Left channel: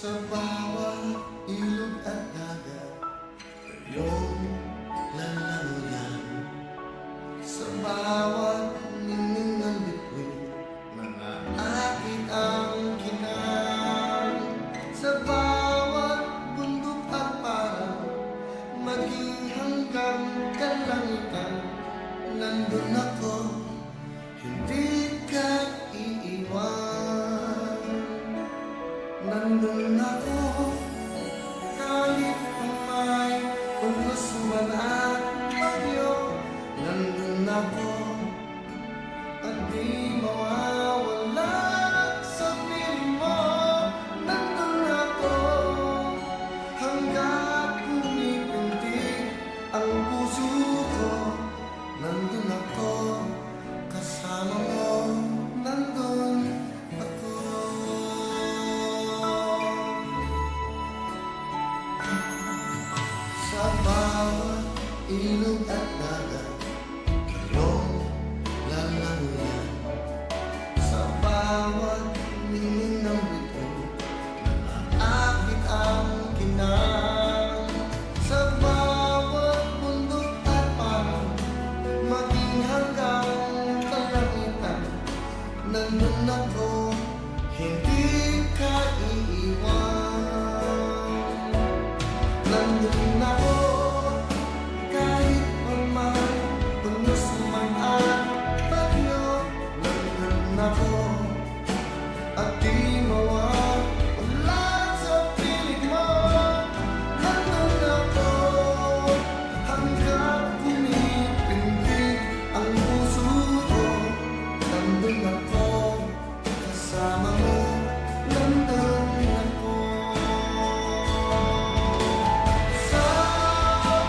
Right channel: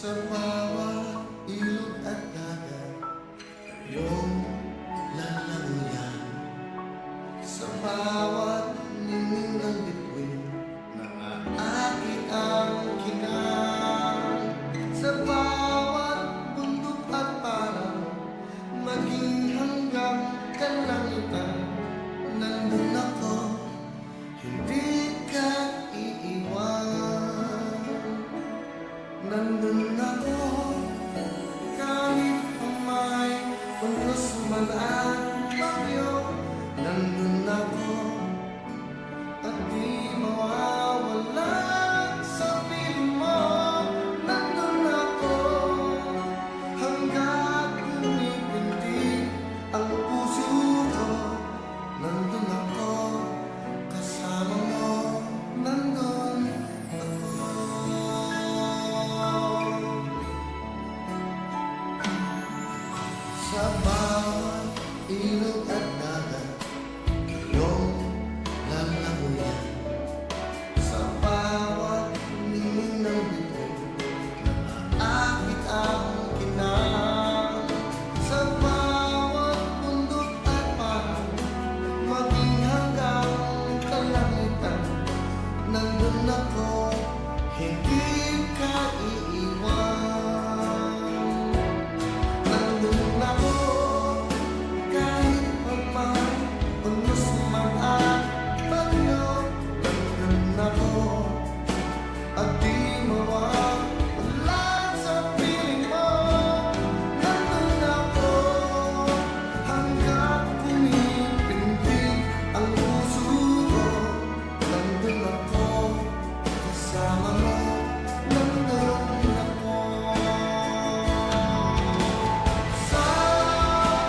Sa bawat ilog at dagat, iyong lalanguyan. Sa bawat ningning ng bituin, naaakit ang kinang. Sa bawat bundok at parang, maging hanggang kalangitan, nandun ako, hindi ka iiwan. Nandun ako, kahit ang may unos man at bagyo. Nandun ako, at di mawawala sa piling mo. Nandun ako, hanggat pumipintig ang puso ko. Nandun ako, kasama mo. Nandun ako. Sa bawat ilog at dagat, iyong lalanguyan. Sa bawat ningning ng bituin, naaakit ang kinang. Sa bawat bundok at parang, maging hanggang kalangitan, nandun ako, hindi ka iiwan. Nandun ako, kahit pa may unos man at bagyo. Nandun ako, at di mawawala sa piling mo. Nandun ako, hanggat pumipintig ang puso ko. Nandun ako, kasama mo. Nandun ako. Sa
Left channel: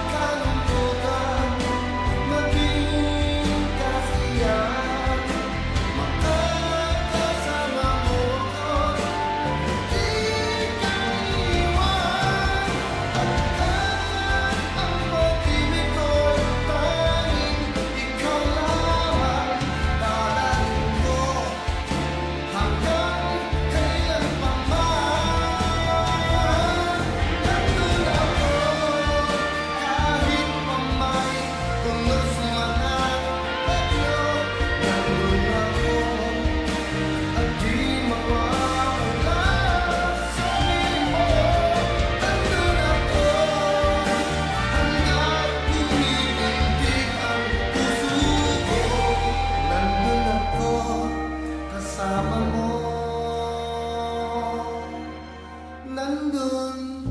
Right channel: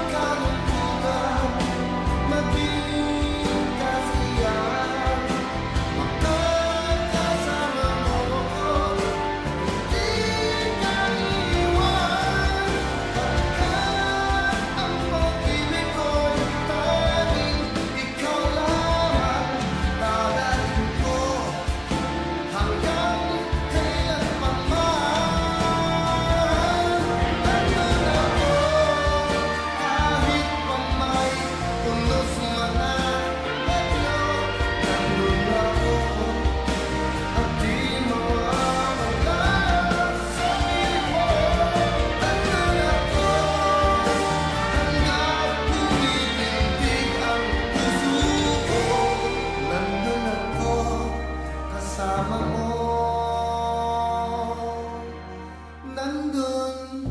kalungkutan, maging kasiyahan, makakasama mo ako, di ka iwan. Pagkat ang pag-ibig ko'y tanging ikaw lamang, dadalhin ko hanggang kailan pa man. Nandun ako, kahit pa may unos man at bagyo. Nandun ako, at di mawawala sa piling mo. Nandun ako, hanggat pumipintig ang puso ko. Nandun ako, kasama mo. Nandun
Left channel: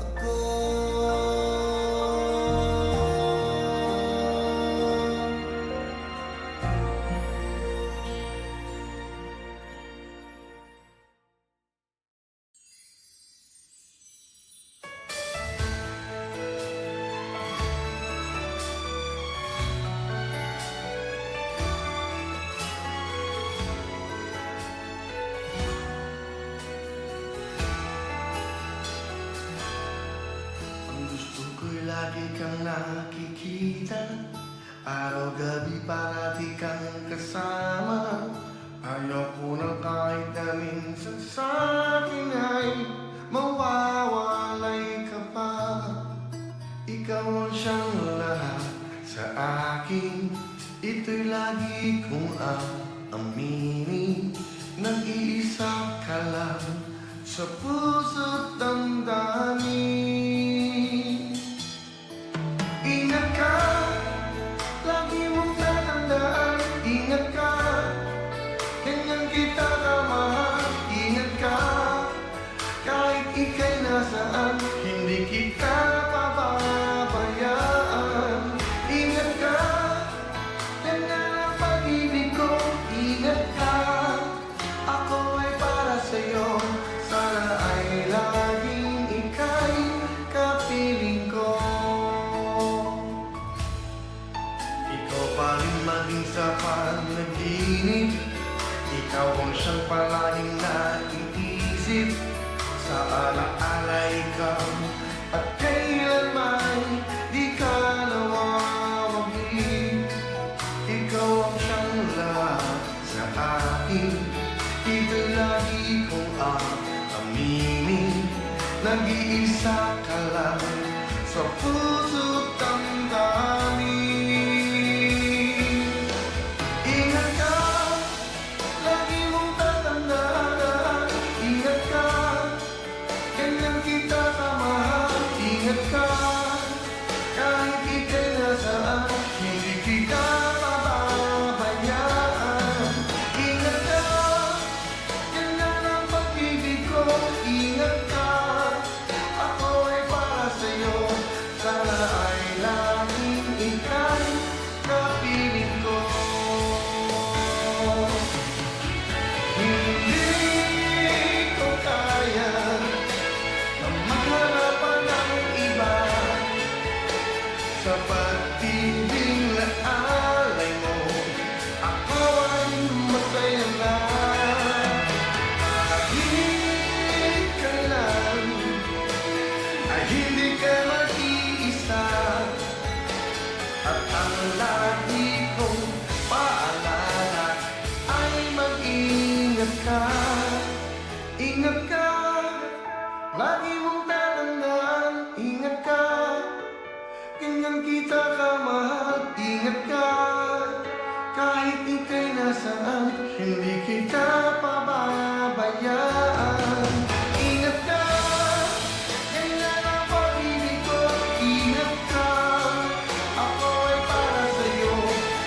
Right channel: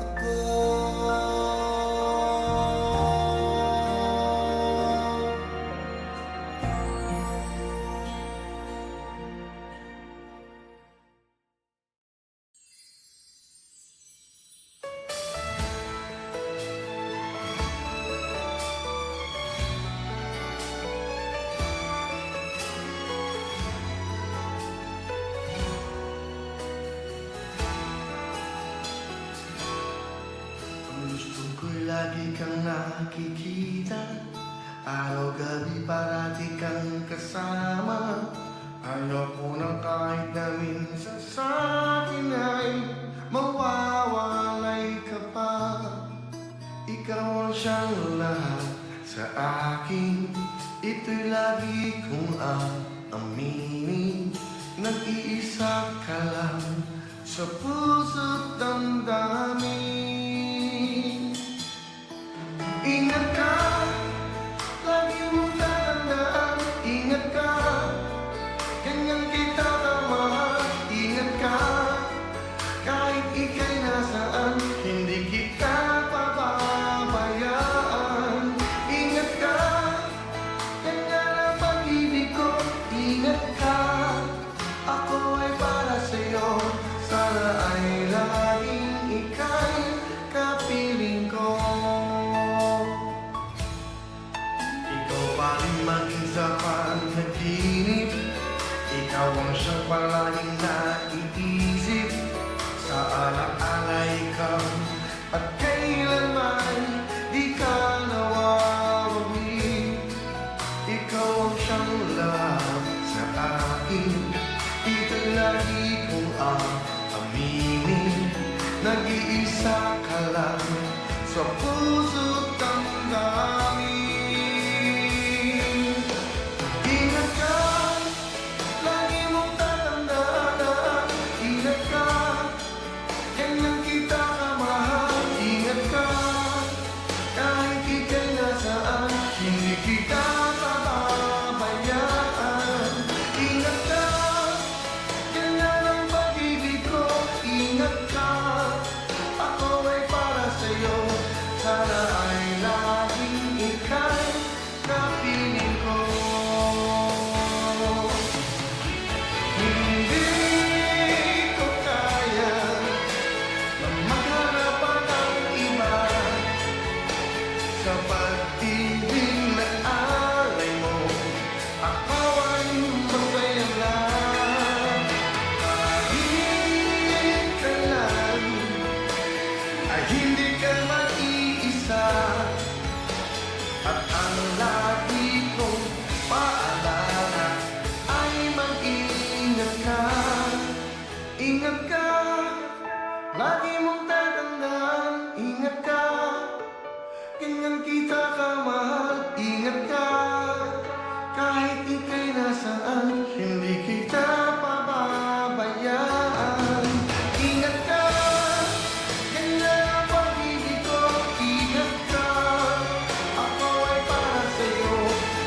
ako. Ang gusto ko'y lagi kang nakikita, araw-gabi parati kang kasama. Ayoko nang kahit na minsan sa'kin ay mawawalay ka pa. Ikaw ang siyang lahat sa akin, ito'y lagi kong aaminin. Nag-iisa ka lang sa puso't damdamin. Ingat ka, lagi mong tatandaan. Ingat ka, ganyan kita kamahal. Ingat ka, kahit ika'y nasaan, hindi kita pababayaan. Ingat ka, ganyan ang pag-ibig ko. Ingat ka, ako ay para sa'yo. Sana ay laging ika'y kapiling ko. Ikaw pa rin maging sa panaginip, ikaw ang siyang palaging naiisip. Sa alaala ikaw, at kailanman di ka nawawagli. Ikaw ang siyang lahat sa akin, ito'y lagi kong aaminin. nag-iisa ka lang sa puso't damdamin. Ingat ka, lagi mong tatandaan. Ingat ka, ganyan kita kamahal. Ingat ka, kahit ika'y nasaan, hindi kita pababayaan. Ingat ka, ganyan ang pag-ibig ko. Ingat ka, ako ay para sa'yo. Sana ay laging ika'y kapiling ko. Hindi ko kaya na maghanapan ng iba sa pag-ibig na alay mo. Ako ay masaya na kahit kailan ay hindi ka mag-iisa. At ang lagi kong paalala ay mag-ingat ka. Ingat ka, lagi mong tatandaan. Ingat ka, ganyan kita kamahal. Ingat ka, kahit ika'y nasaan, hindi kita pababayaan. Ingat ka, ganyan ang pag-ibig ko. Ingat ka, ako ay para sa'yo.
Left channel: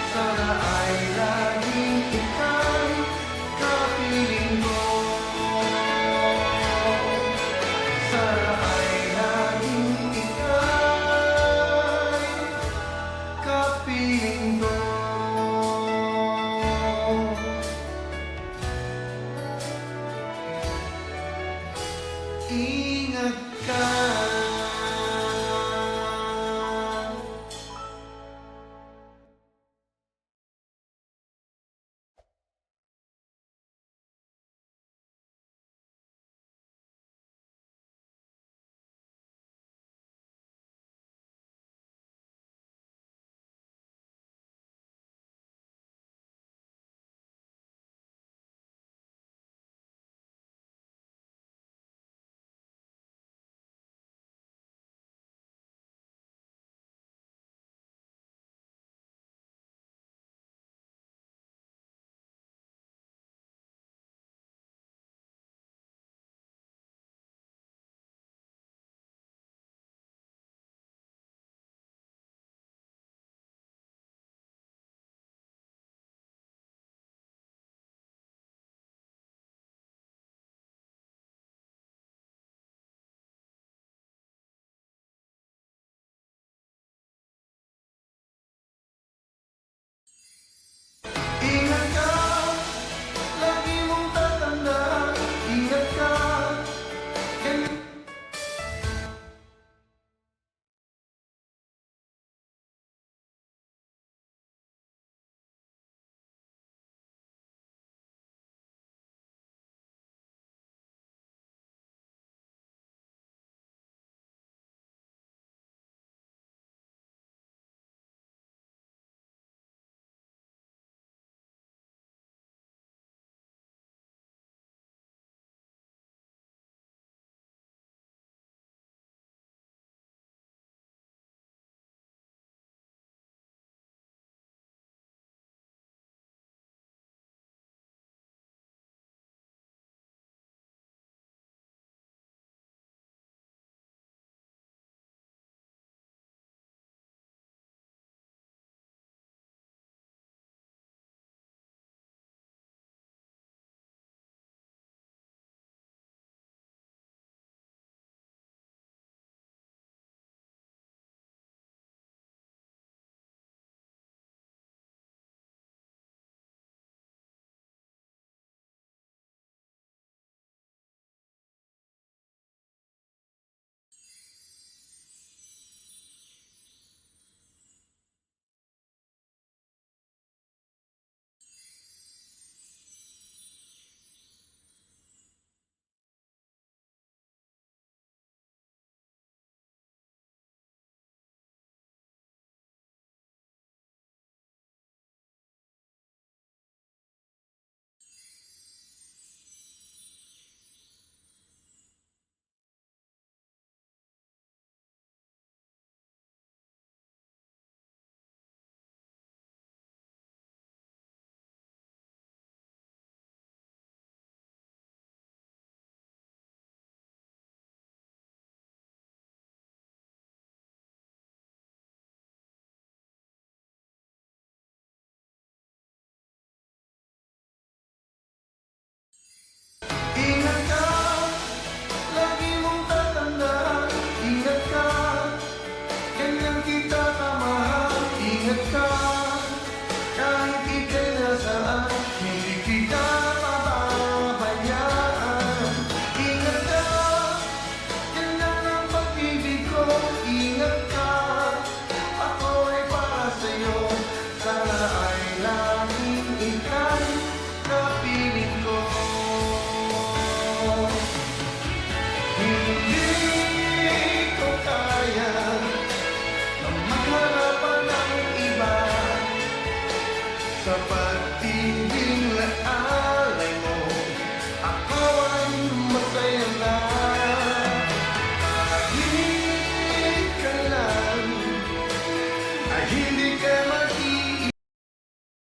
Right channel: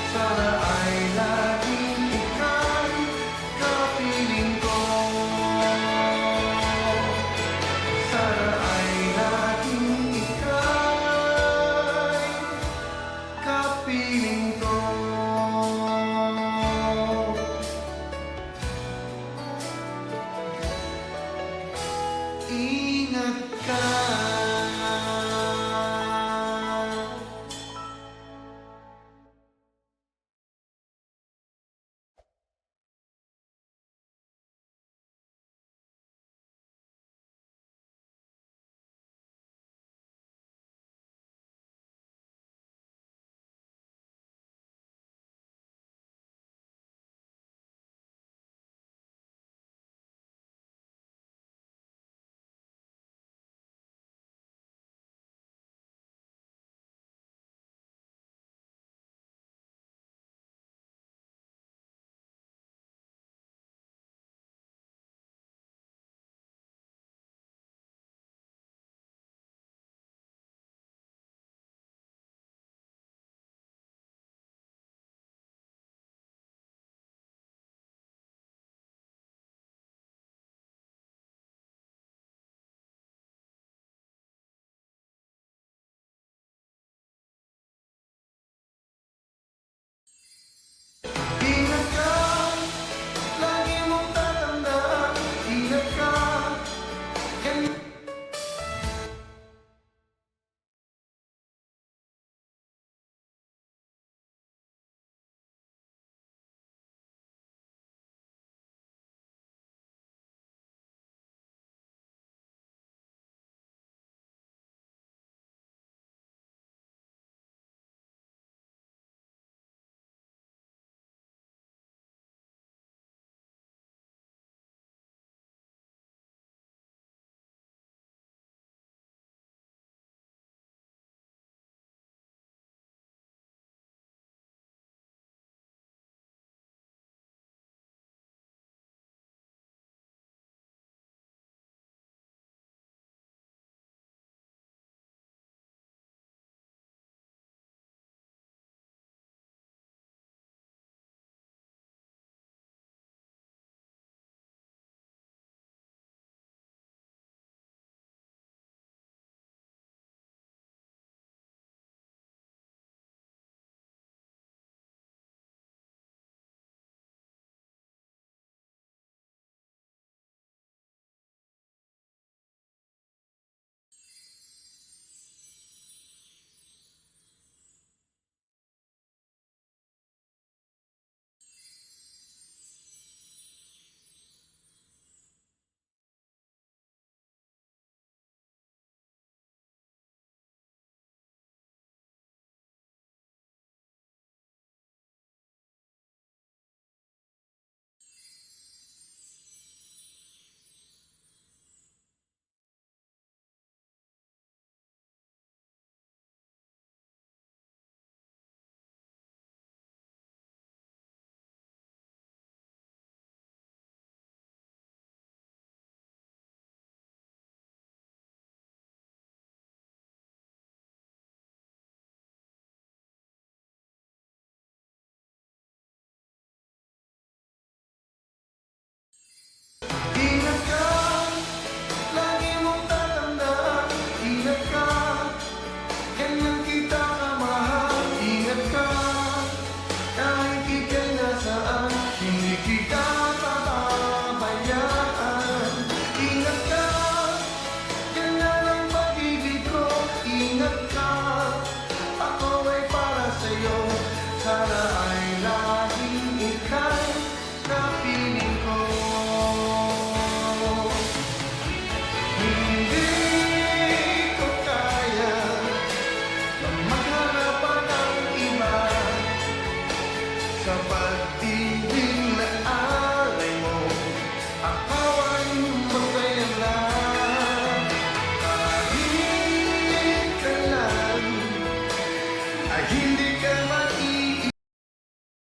Sana ay laging ika'y kapiling ko. Sana ay laging ika'y kapiling ko. Ingat ka. Ingat ka, lagi mong tatandaan. Ingat ka, ganyan kita kamahal. Ingat ka, kahit ika'y nasaan, hindi kita pababayaan. Ingat ka, ganyan ang pag-ibig ko. Ingat ka, ako ay para sa'yo. Sana ay laging ika'y kapiling ko. Hindi ko kaya na magharapan ng iba sa pag-ibig na alay mo. Ako ay masaya na kahit kailan ay hindi ka mag-iwan.